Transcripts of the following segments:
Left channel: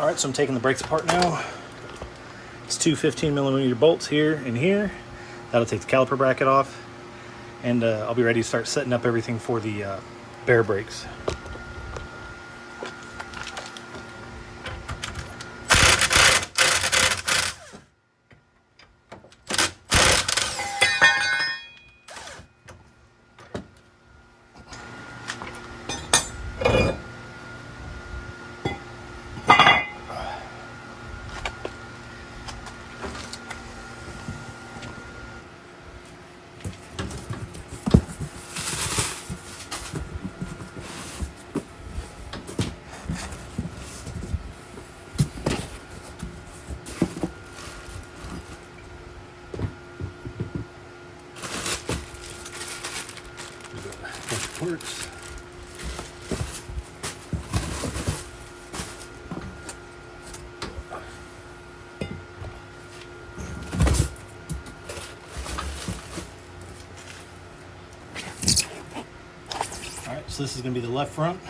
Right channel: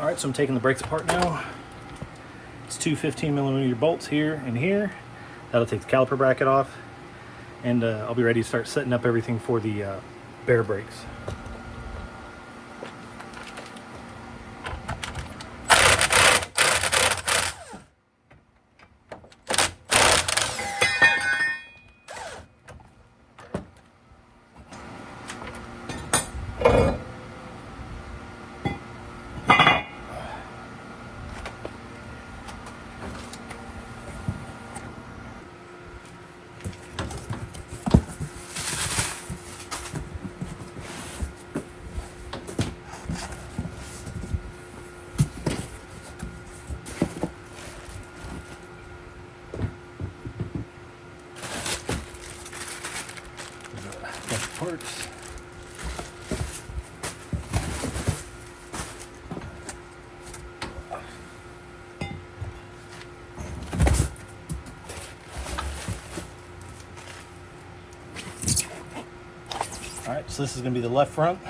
All right, so I'm taking the brakes apart now. It's two 15mm bolts here and here. That'll take the caliper bracket off, and I'll be ready to start setting up everything for the bare brakes. Parts. All right, so this is going to be the left front.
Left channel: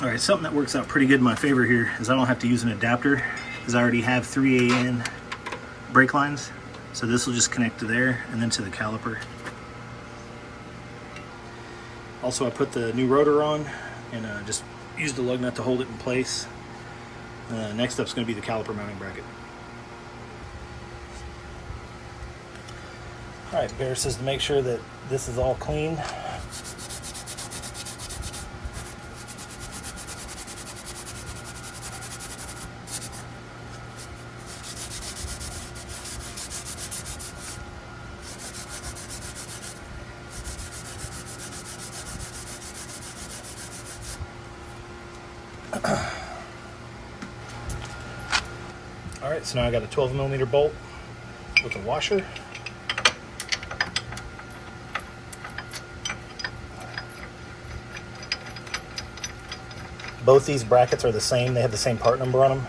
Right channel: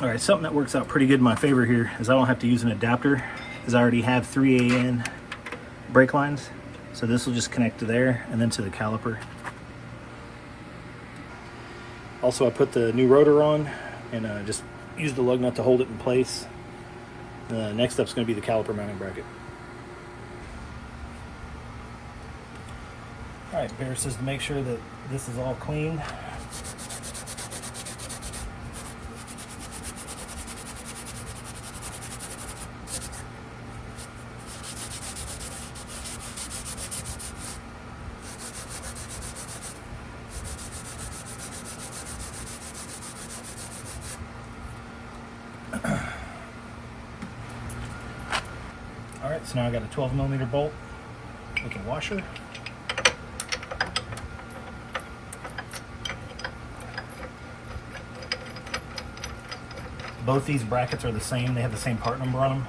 All right, something that works out pretty good in my favor here is I don't have to use an adapter because I already have 3AN brake lines. So this will just connect to there and then to the caliper. Also, I put the new rotor on and just used the lug nut to hold it in place. Next up is going to be the caliper mounting bracket. All right, Bear says to make sure that this is all clean. All right, so now I got a 12mm bolt with a washer. Both these brackets are the same. They have the same part number on them,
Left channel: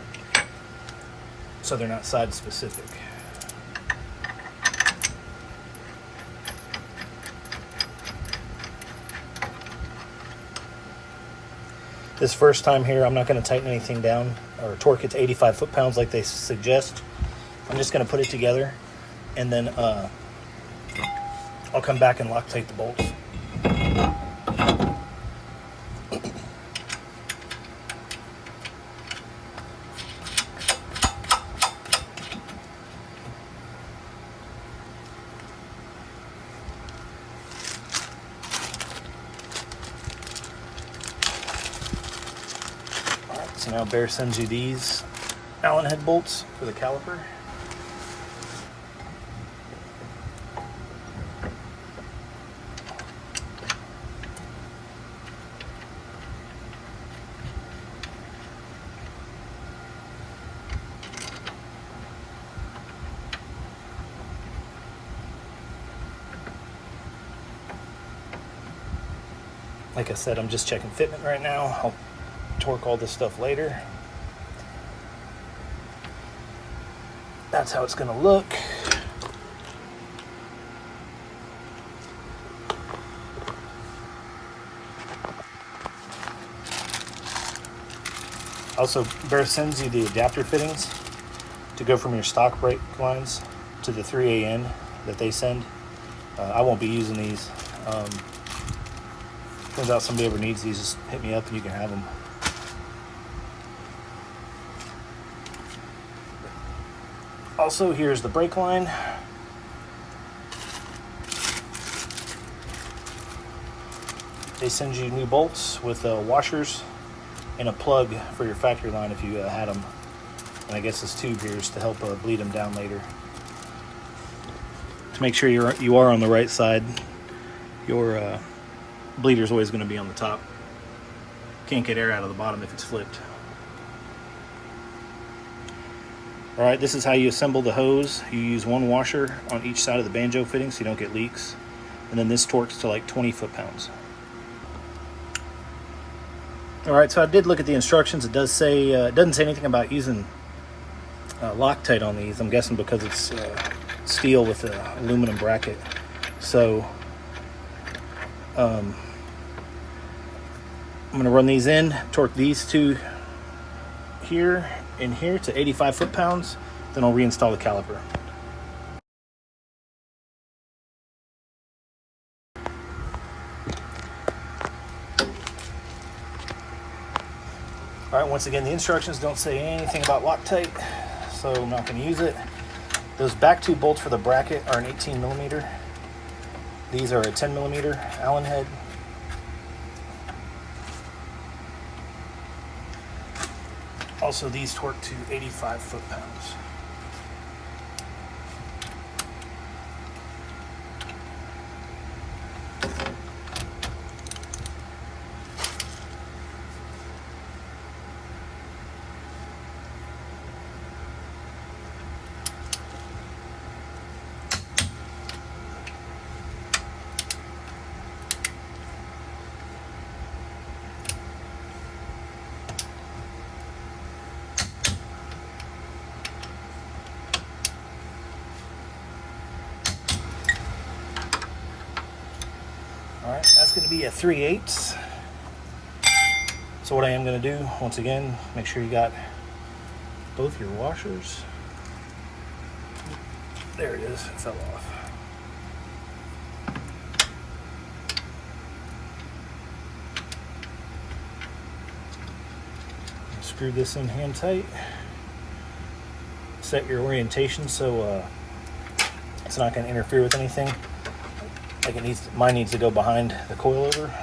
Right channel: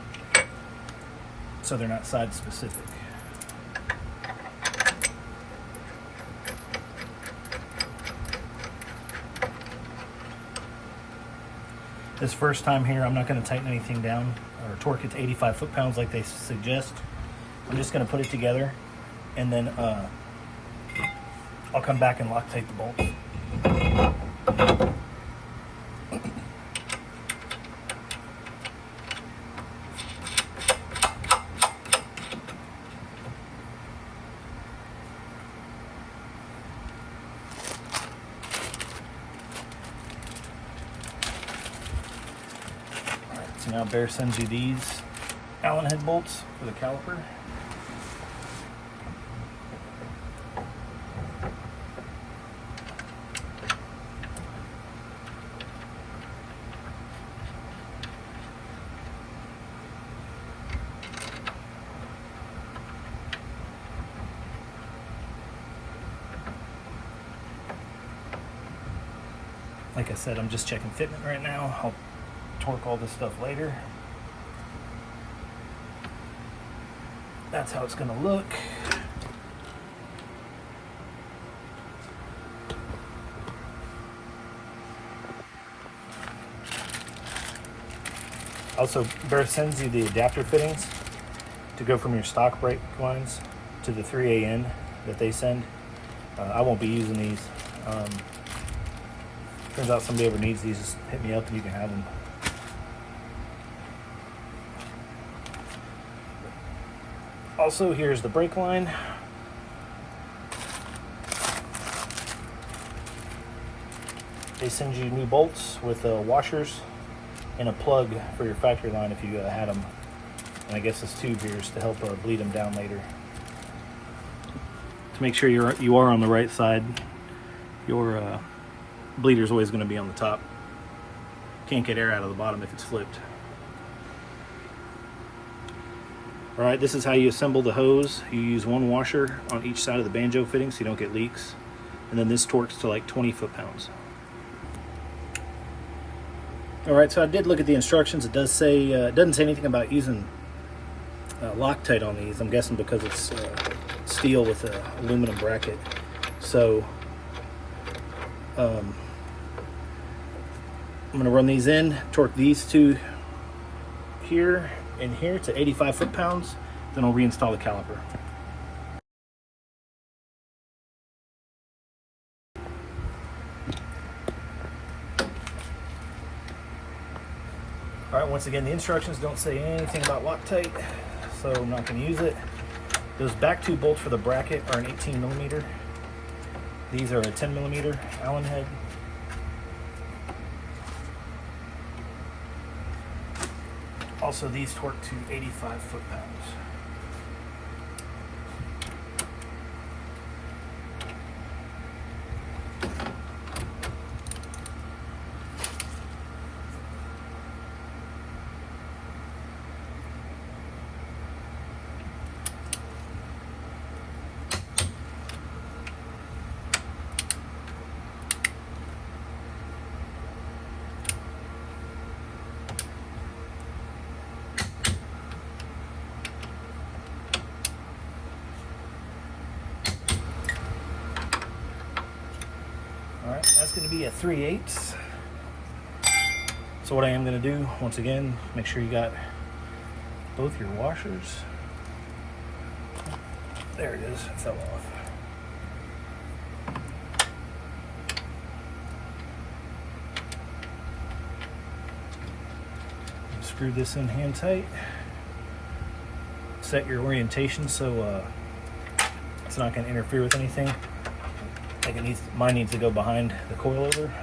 so they're not side specific. This first time here, I'm not going to tighten anything down or torque it to 85 foot-pounds like they suggest. I'm just going to put it together, and then I'll come back and Loctite the bolts. So now Bear sends you these Allen head bolts for the caliper. Like I said, I'm just checking fitment right now. I'll torque all this stuff later. That's how it's going to look. Also, Bear sends you the adapter fittings to go from your stock brake lines to the 3AN that they send. I won't be using these. Turns out somebody ever needs these, just hit me up and you can have them. Also, here's the brake line. They send you new bolts with washers and a plug for your factory line if you had them. And I guess this tube here is to help bleed them down later. To make sure you are on the right side, your bleeder is always going to be on the top. Can't get air out of the bottom if it's flipped. All right, this is how you assemble the hose. You use one washer on each side of the banjo fitting so you don't get leaks. And then this torques to like 20 foot-pounds. All right, so I did look at the instructions. It does say, it doesn't say anything about using Loctite on these. I'm guessing because it's steel with an aluminum bracket. So I'm going to run these in, torque these two here and here to 85 foot-pounds. Then I'll reinstall the caliper. All right, once again, the instructions don't say anything about Loctite, so I'm not going to use it. Those back two bolts for the bracket are an 18 millimeter. These are a 10 millimeter Allen head. Also, these torque to 85 foot-pounds. Alright, that's going to be a 3/8. So what I am going to do, once again, make sure you got both your washers. There it is, it fell off. Screw this in hand tight. Set your orientation so it's not going to interfere with anything. Like it needs, mine needs to go behind the coilover.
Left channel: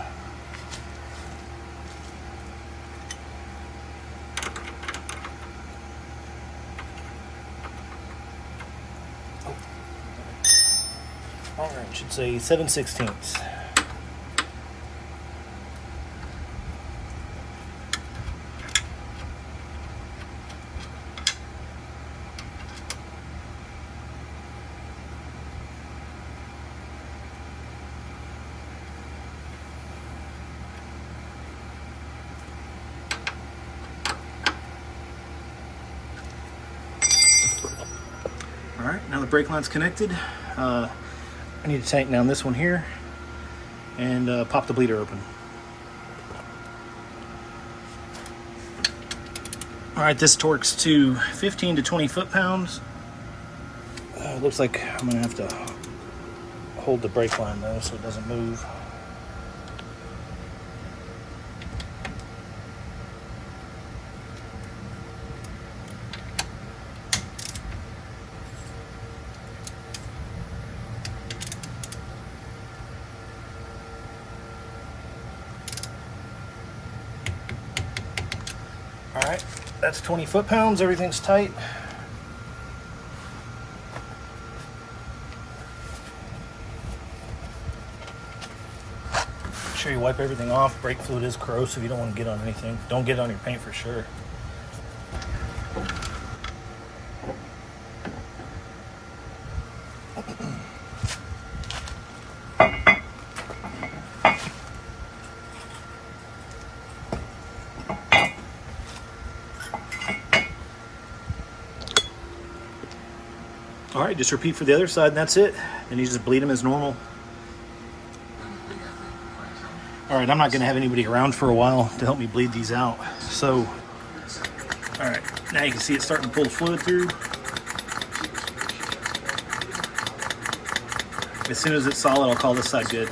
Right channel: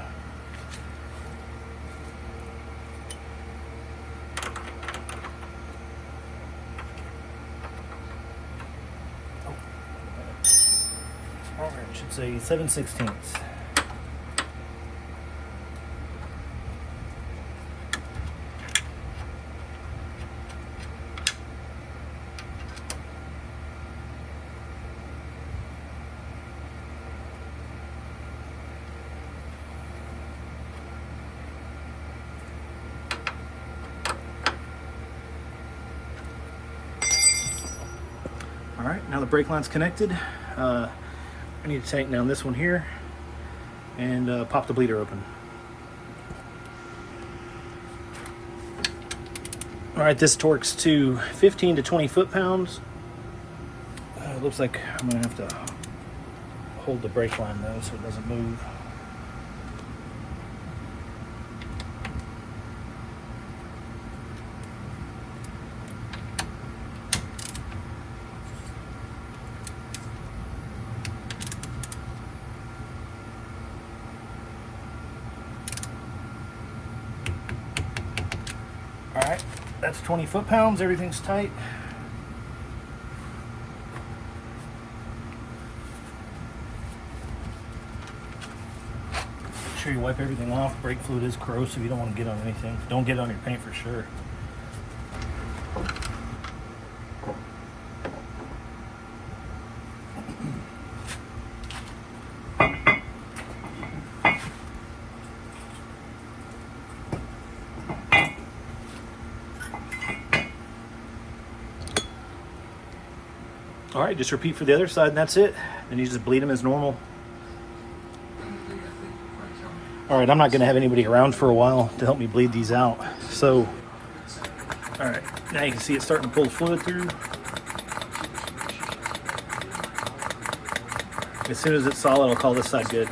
Oh, wrong wrench. Should say 7/16. All right, now the brake line's connected. I need to tighten down this one here and pop the bleeder open. All right, this torques to 15 to 20 foot-pounds. Looks like I'm gonna have to hold the brake line though so it doesn't move. All right, that's 20 foot-pounds, everything's tight. Make sure you wipe everything off. Brake fluid is corrosive, you don't want to get on anything. Don't get on your paint for sure. All right, just repeat for the other side and that's it. Then you just bleed them as normal. All right, I'm not gonna have anybody around for a while to help me bleed these out. So, all right, now you can see it's starting to pull the fluid through. As soon as it's solid, I'll call this side good.